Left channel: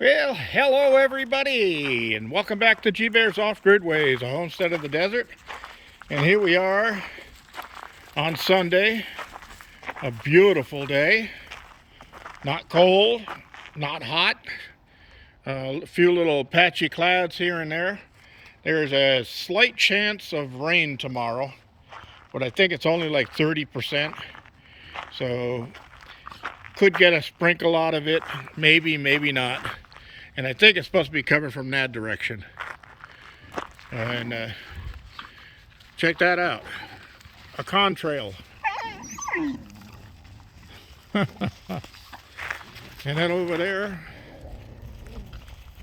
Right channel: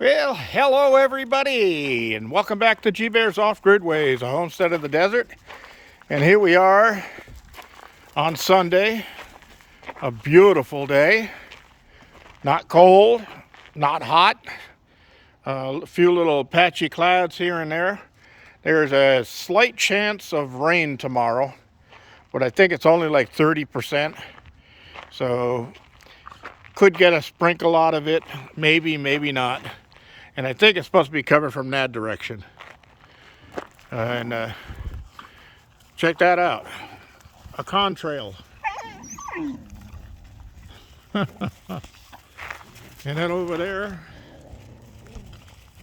Well, hello everybody, and welcome back to G Bear's Off-Grid Ways, a homestead of the desert. And here we are on Sunday, a beautiful day. Not cold, not hot. A few little patchy clouds here and there. There's a slight chance of rain tomorrow, but I think it's only like 30%. So could get a sprinkle out of it, maybe, maybe not. And I think it's supposed to be coming from that direction. And check that out, a contrail. And then over there,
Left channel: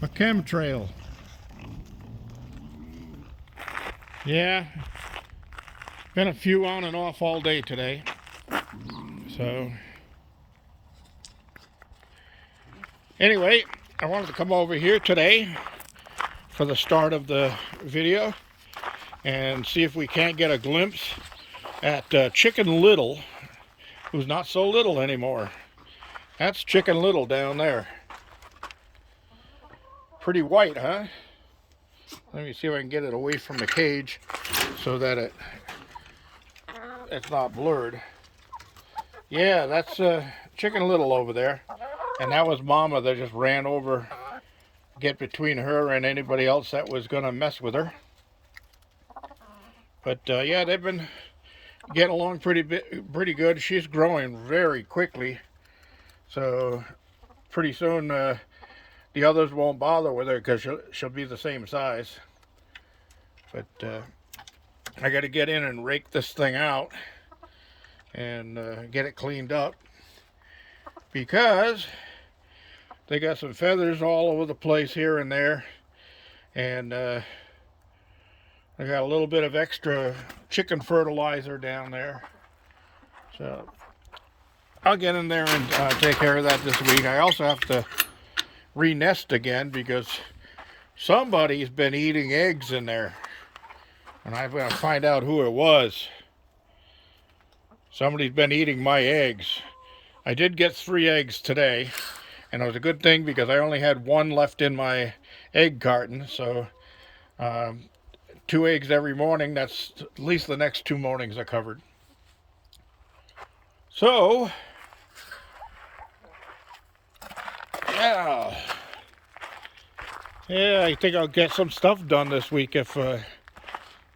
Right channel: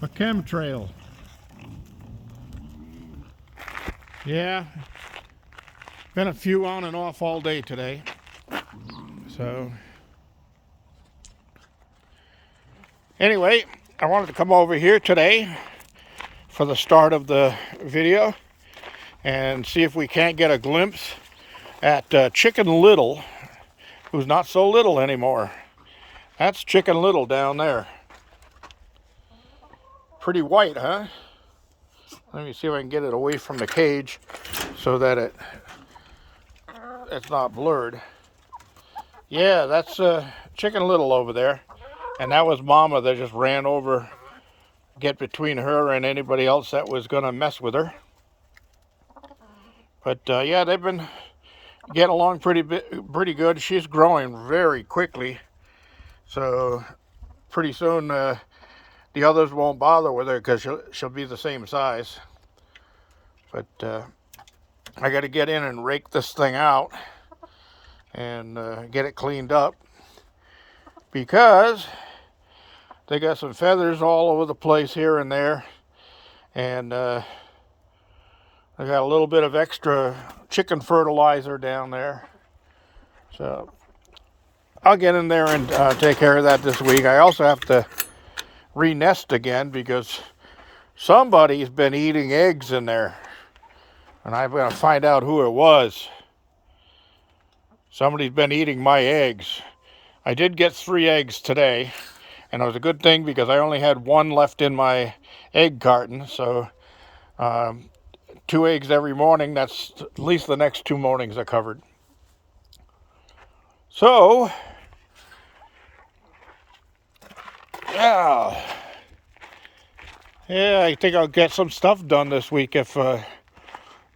a chemtrail. Yeah, been a few on and off all day today. So anyway, I wanted to come over here today for the start of the video and see if we can't get a glimpse at Chicken Little, who's not so little anymore. That's Chicken Little down there. Pretty white, huh? Let me see if I can get it away from the cage so that it's not blurred. Yeah, that's Chicken Little over there. And that was Mama that just ran over, get between her and anybody else that was going to mess with her. But yeah, they've been getting along pretty good. She's growing very quickly. So pretty soon the others won't bother with her because she'll be the same size. But I got to get in and rake this thing out and get it cleaned up, because they got some feathers all over the place here and there, and I got a little bit of extra chicken fertilizer down there. So I'll get in there and take care of that this week. I also have to re-nest again because somebody's been eating eggs in there, and I'm going to find out who it was. Somebody's been eating my eggs. I did get 3 eggs today, and it was a good thing because I only had 1 left in my egg carton. So 2 eggs every morning, that's at least the next 2 mornings are covered. So yeah, I think I'll get some stuff done this week if the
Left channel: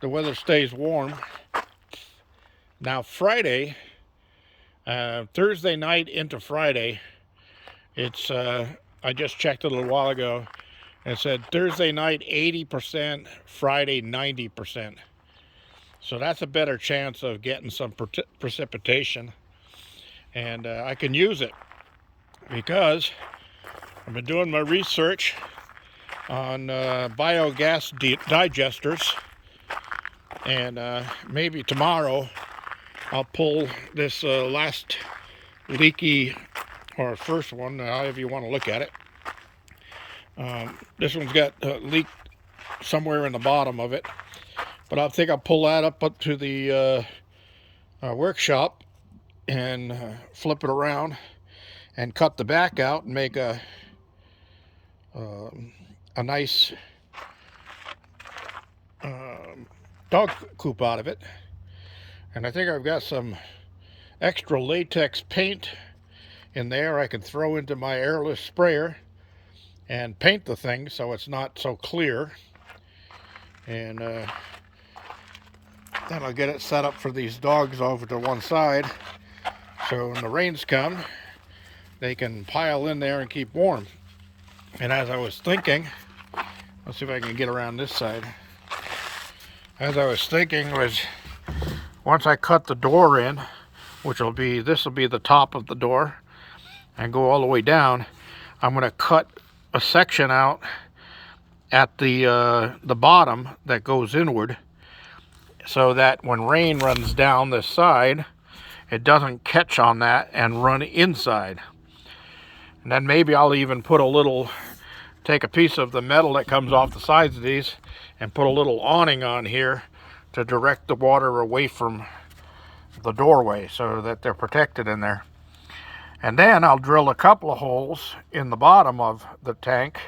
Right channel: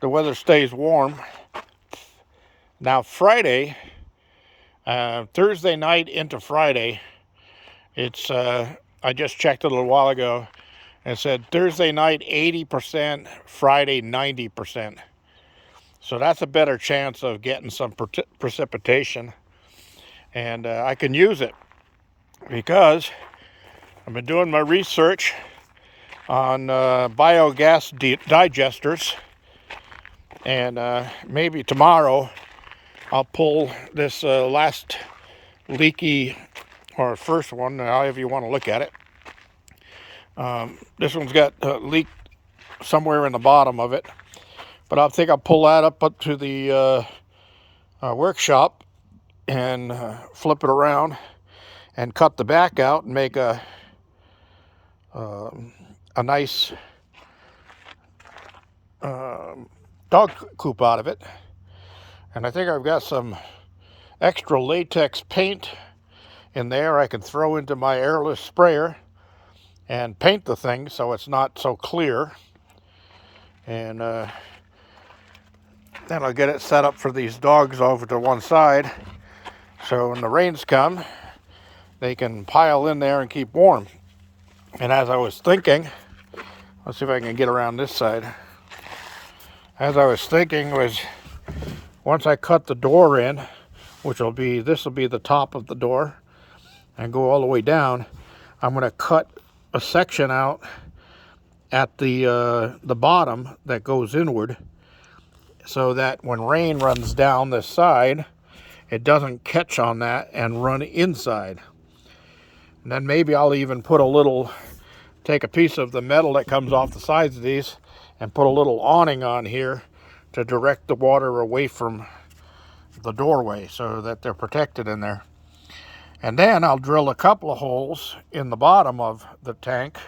weather stays warm. Now Friday, Thursday night into Friday, it's I just checked it a little while ago, and it said Thursday night 80%, Friday 90%. So that's a better chance of getting some precipitation, and I can use it because I've been doing my research on biogas digesters, and maybe tomorrow I'll pull this last leaky, or first one, however you want to look at it. This one's got a leak somewhere in the bottom of it, but I think I'll pull that up to the workshop and flip it around and cut the back out and make a nice dog coop out of it. And I think I've got some extra latex paint in there I can throw into my airless sprayer and paint the thing so it's not so clear. And then I'll get it set up for these dogs over to one side, so when the rains come, they can pile in there and keep warm. And as I was thinking, let's see if I can get around this side. As I was thinking was, once I cut the door in, this will be the top of the door, and go all the way down, I'm going to cut a section out at the bottom that goes inward, so that when rain runs down this side, it doesn't catch on that and run inside. And then maybe I'll even take a piece of the metal that comes off the sides of these and put a little awning on here to direct the water away from the doorway so that they're protected in there. And then I'll drill a couple of holes in the bottom of the tank,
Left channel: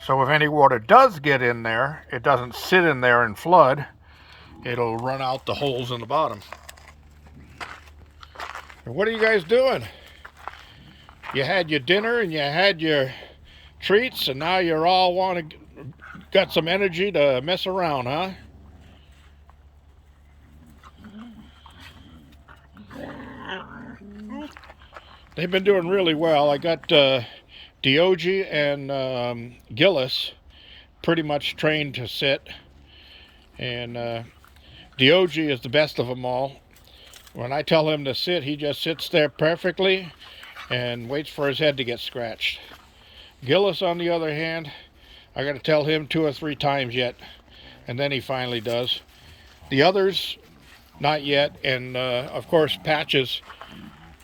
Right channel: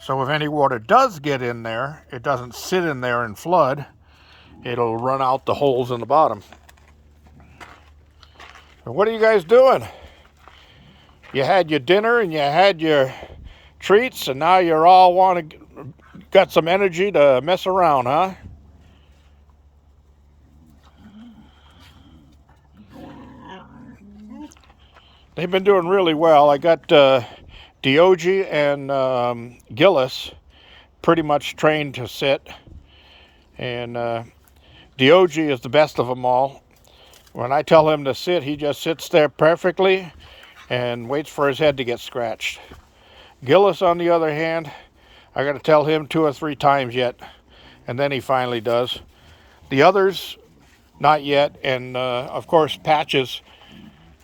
so if any water does get in there, it doesn't sit in there and flood. It'll run out the holes in the bottom. And what are you guys doing? You had your dinner and you had your treats, and now you're all got some energy to mess around, huh? They've been doing really well. I got Diogi and Gillis pretty much trained to sit, and Diogi is the best of them all. When I tell him to sit, he just sits there perfectly and waits for his head to get scratched. Gillis, on the other hand, I got to tell him 2 or 3 times yet, and then he finally does. The others, not yet. And of course, Patches,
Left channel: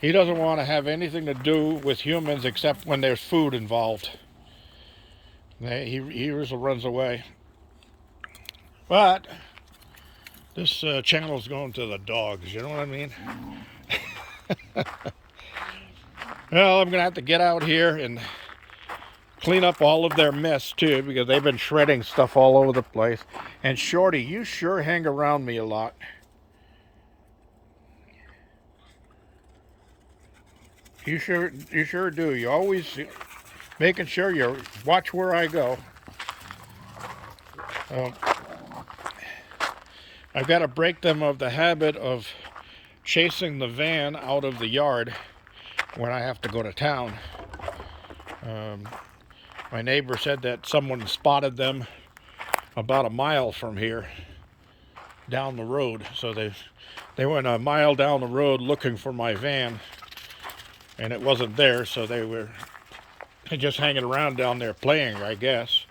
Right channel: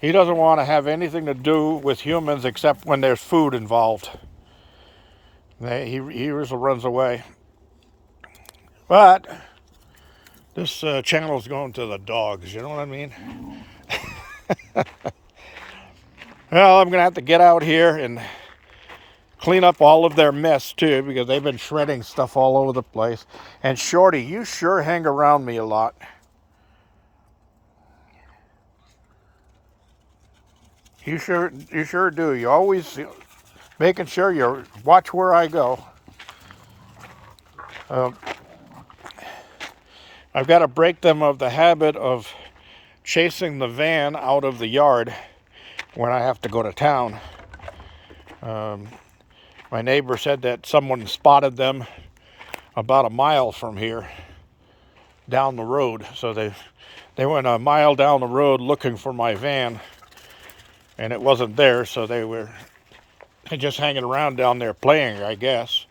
he doesn't want to have anything to do with humans except when there's food involved. He usually runs away. But this channel's going to the dogs, you know what I mean? Well, I'm going to have to get out here and clean up all of their mess too, because they've been shredding stuff all over the place. And Shorty, you sure hang around me a lot. You sure do. You always making sure you watch where I go. I've got to break them of the habit of chasing the van out of the yard when I have to go to town. My neighbor said that someone spotted them about a mile from here, down the road. So they went a mile down the road looking for my van, and it wasn't there, so they were just hanging around down there playing, I guess.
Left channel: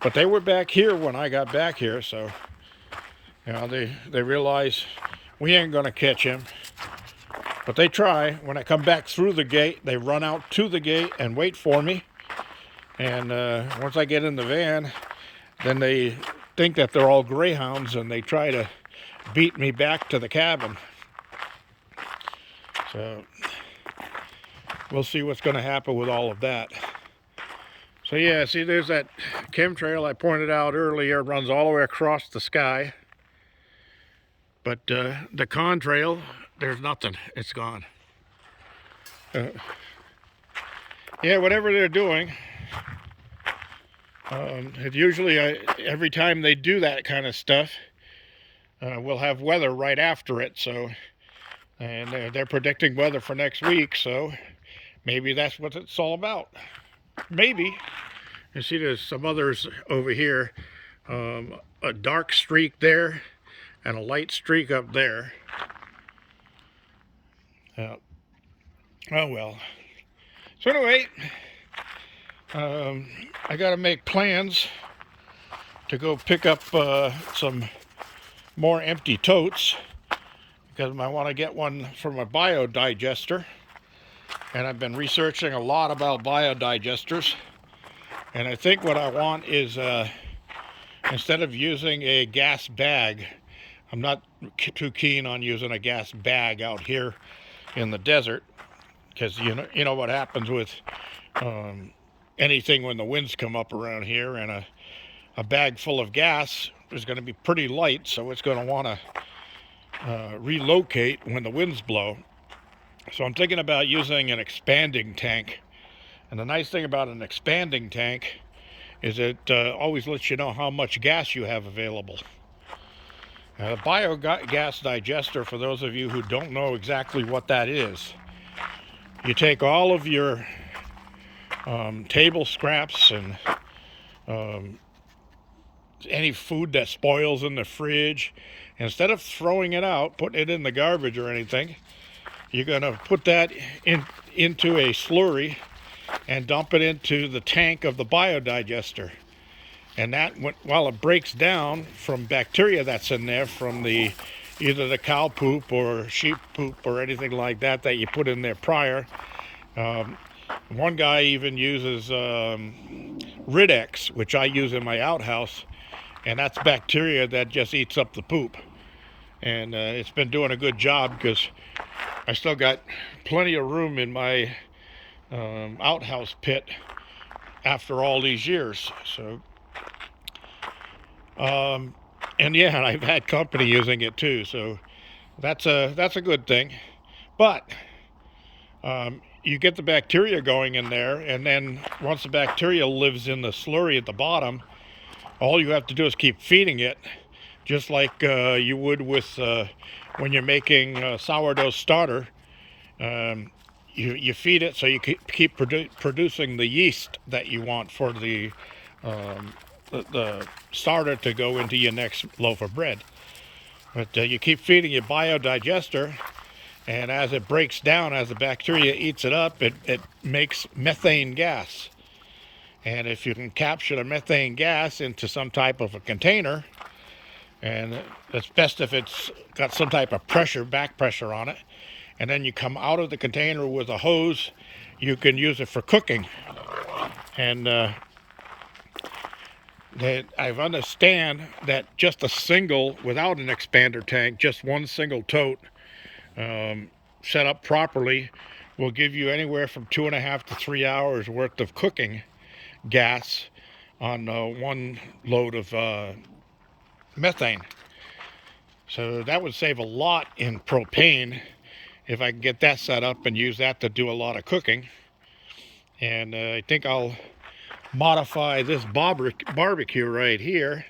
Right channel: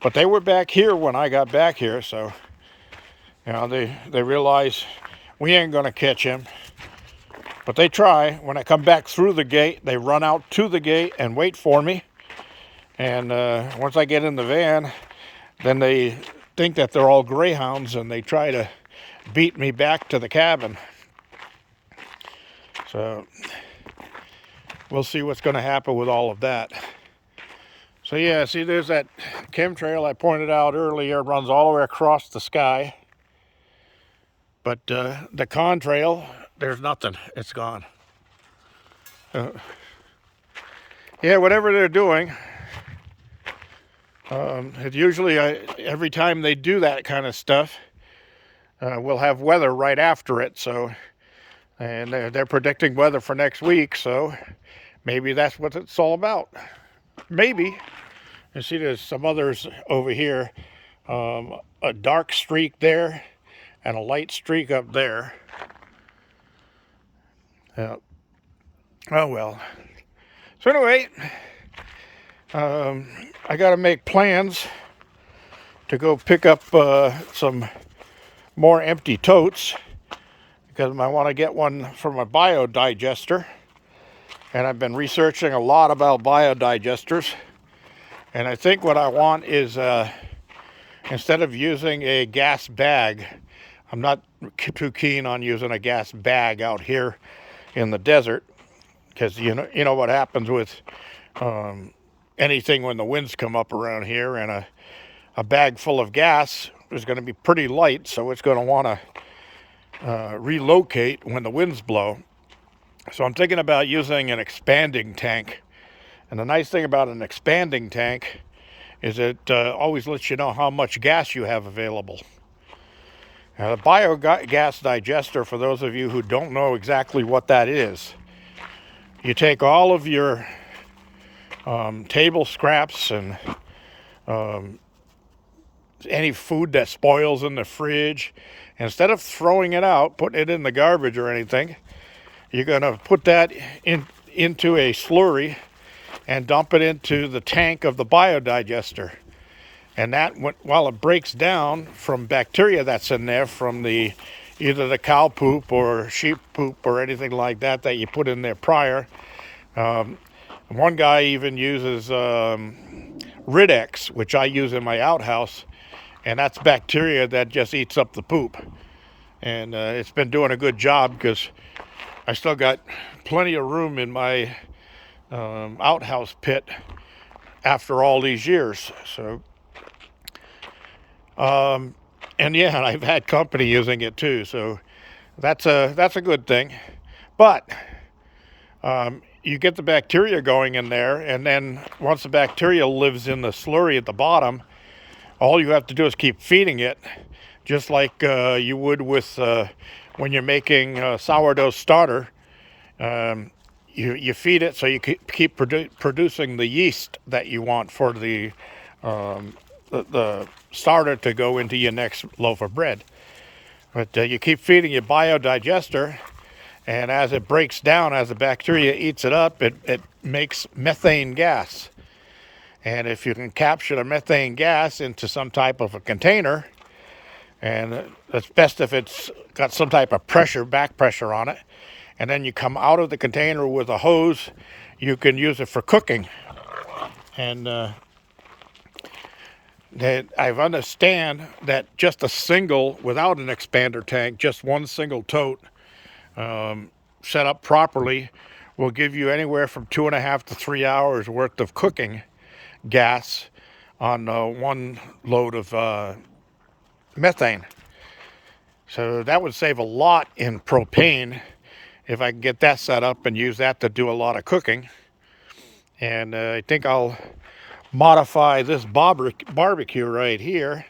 But they were back here when I got back here, so you know, they realize we ain't gonna catch him. But they try. When I come back through the gate, they run out to the gate and wait for me. And once I get in the van, then they think that they're all greyhounds, and they try to beat me back to the cabin. So we'll see what's going to happen with all of that. So yeah, see, there's that chemtrail I pointed out earlier, runs all the way across the sky. But the contrail, there's nothing. It's gone. Yeah, whatever they're doing, it usually, every time they do that kind of stuff, we'll have weather right after it. So, and they're predicting weather for next week, so maybe that's what it's all about. Maybe. You see, there's some others over here, a dark streak there and a light streak up there. Yeah. Oh well. So anyway, I got to make plans to go pick up some more empty totes, because I want to get one for my biodigester. And I've been researching a lot about biodigesters. And I think what I want is, instead of using a gas bag, I'm not too keen on using a gas bag out here in the desert, because you know what happens with anything when the winds come up around here, and a bag full of gas is going to be pretty light, so it's going to want to relocate when the winds blow. So I'm thinking about using an expanding tank. And the nice thing about an expanding tank is it always lets you know how much gas you have available. A biogas digester, for those of you who don't know exactly what that is, you take all of your table scraps and any food that spoils in the fridge, instead of throwing it out, putting it in the garbage or anything, you're going to put that into a slurry and dump it into the tank of the biodigester. And that, while it breaks down from bacteria that's in there from either the cow poop or sheep poop or anything like that you put in there prior. One guy even uses Ridex, which I use in my outhouse, and that's bacteria that just eats up the poop. And it's been doing a good job, because I still got plenty of room in my outhouse pit after all these years. So, and yeah, I've had company using it too. So that's a good thing. But you get the bacteria going in there, and then once the bacteria lives in the slurry at the bottom, all you have to do is keep feeding it, just like you would with when you're making sourdough starter. You feed it so you keep producing the yeast that you want for the starter to go into your next loaf of bread. But you keep feeding your biodigester, and as it breaks down, as the bacteria eats it up, it makes methane gas. And if you can capture the methane gas into some type of a container, and it's best if it's got some type of pressure, back pressure on it, and then you come out of the container with a hose, you can use it for cooking. And I understand that just a single, without an expander tank, just one single tote set up properly will give you anywhere from 2.5 to 3 hours worth of cooking gas on one load of methane. So that would save a lot in propane if I can get that set up and use that to do a lot of cooking. And I think I'll modify this barbecue right here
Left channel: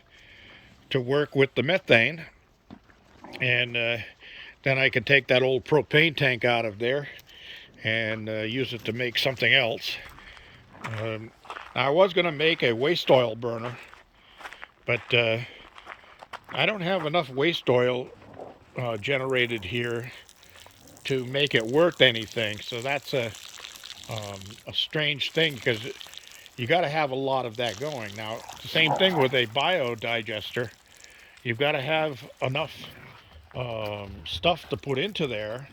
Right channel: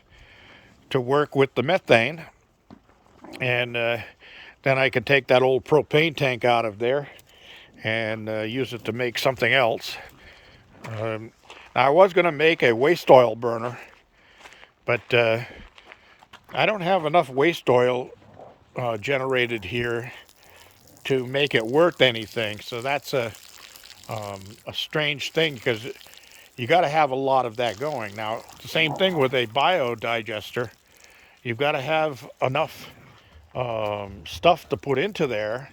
to work with the methane, and then I can take that old propane tank out of there and use it to make something else. Now I was going to make a waste oil burner, but I don't have enough waste oil generated here to make it worth anything. So that's a strange thing, because you got to have a lot of that going. Now, the same thing with a biodigester. You've got to have enough stuff to put into there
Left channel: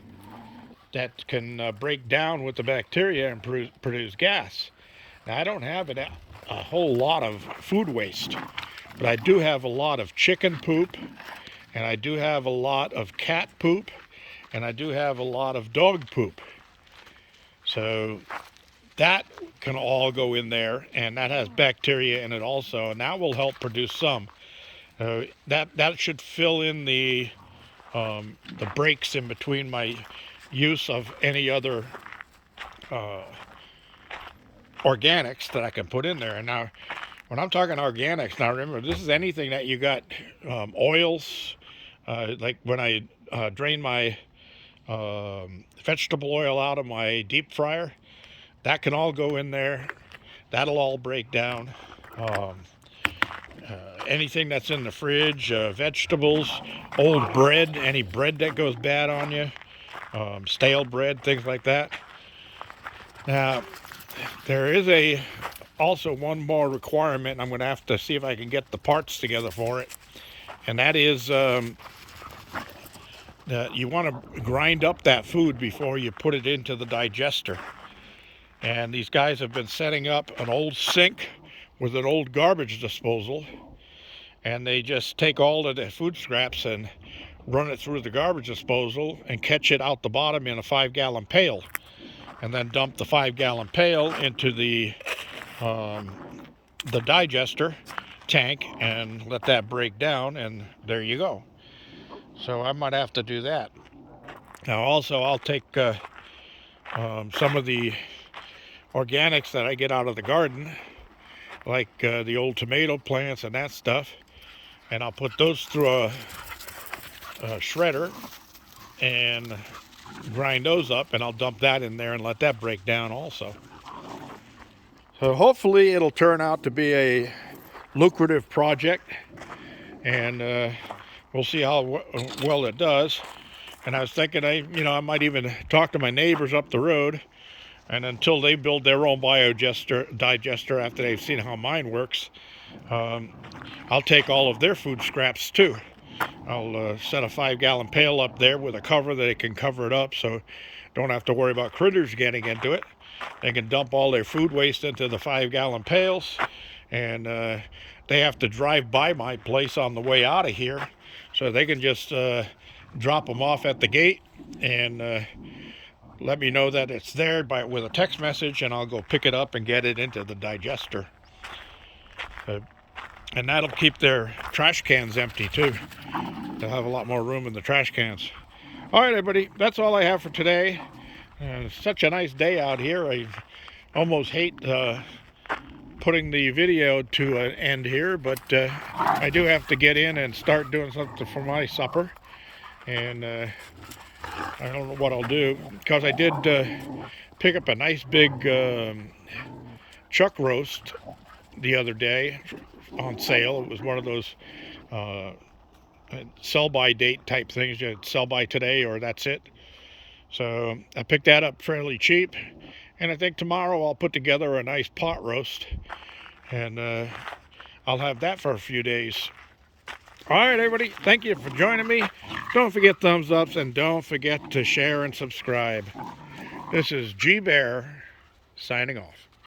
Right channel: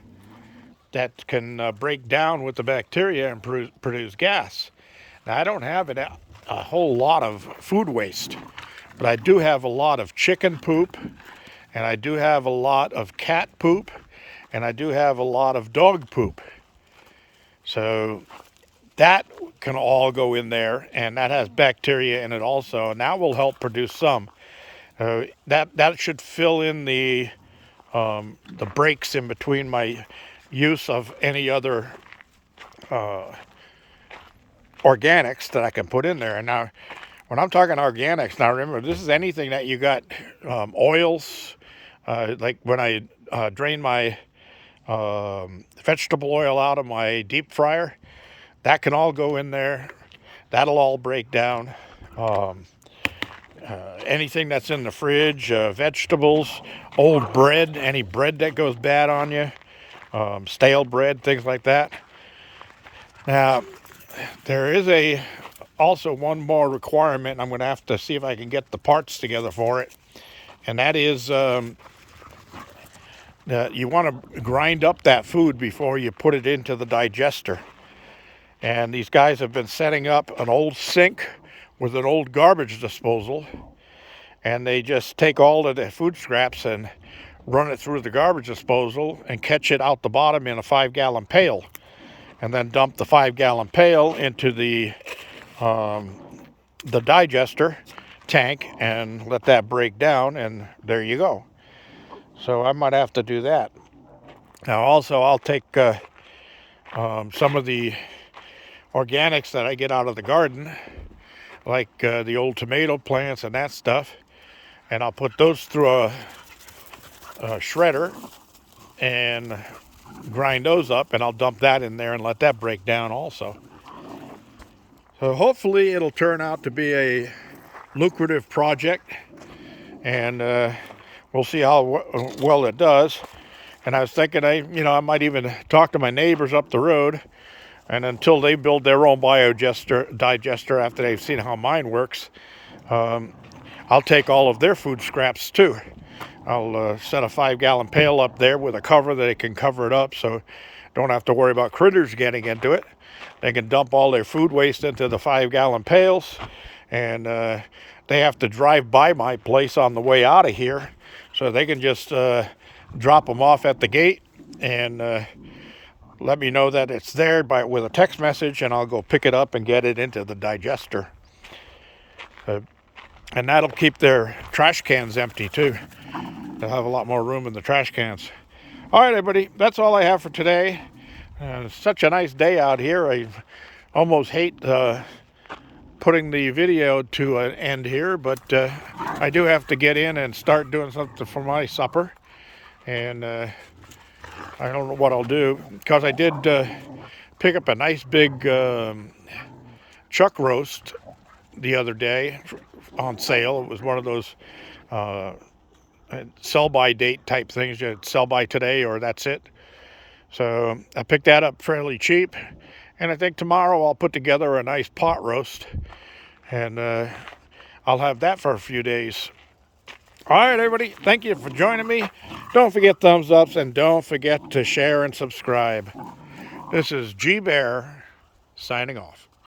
that can break down with the bacteria and produce gas. Now, I don't have a whole lot of food waste, but I do have a lot of chicken poop, and I do have a lot of cat poop, and I do have a lot of dog poop. So that can all go in there, and that has bacteria in it also, and that will help produce some. That should fill in the breaks in between my use of any other organics that I can put in there. And now, when I'm talking organics, now remember, this is anything that you got, oils, like when I drain my vegetable oil out of my deep fryer, that can all go in there. That'll all break down. Anything that's in the fridge, vegetables, old bread, any bread that goes bad on you, stale bread, things like that. Now, there is also one more requirement. I'm going to have to see if I can get the parts together for it. And that is, you want to grind up that food before you put it into the digester. And these guys have been setting up an old sink with an old garbage disposal, and they just take all of the food scraps and run it through the garbage disposal and catch it out the bottom in a 5-gallon pail, and then dump the 5-gallon pail into the digester tank and let that break down, and there you go. So I might have to do that. Now also, I'll take some of the organics that I get out of the garden, like the old tomato plants and that stuff, and I'll put those through a shredder and grind those up, and I'll dump that in there and let that break down also. So hopefully it'll turn out to be a lucrative project, and we'll see how well it does. And I was thinking, I might even talk to my neighbors up the road, and until they build their own digester after they've seen how mine works, I'll take all of their food scraps too. I'll set a 5-gallon pail up there with a cover that it can cover it up, so don't have to worry about critters getting into it. They can dump all their food waste into the 5-gallon pails, and they have to drive by my place on the way out of here, so they can just drop them off at the gate and let me know that it's there with a text message, and I'll go pick it up and get it into the digester. And that'll keep their trash cans empty too. They'll have a lot more room in the trash cans. All right, everybody, that's all I have for today. It's such a nice day out here. I almost hate putting the video to an end here, but I do have to get in and start doing something for my supper. And I don't know what I'll do, because I did pick up a nice big chuck roast the other day on sale. It was one of those sell-by date type things. You sell by today or that's it. So I picked that up fairly cheap, and I think tomorrow I'll put together a nice pot roast, and I'll have that for a few days. All right, everybody, thank you for joining me. Don't forget thumbs ups, and don't forget to share and subscribe. This is G Bear signing off.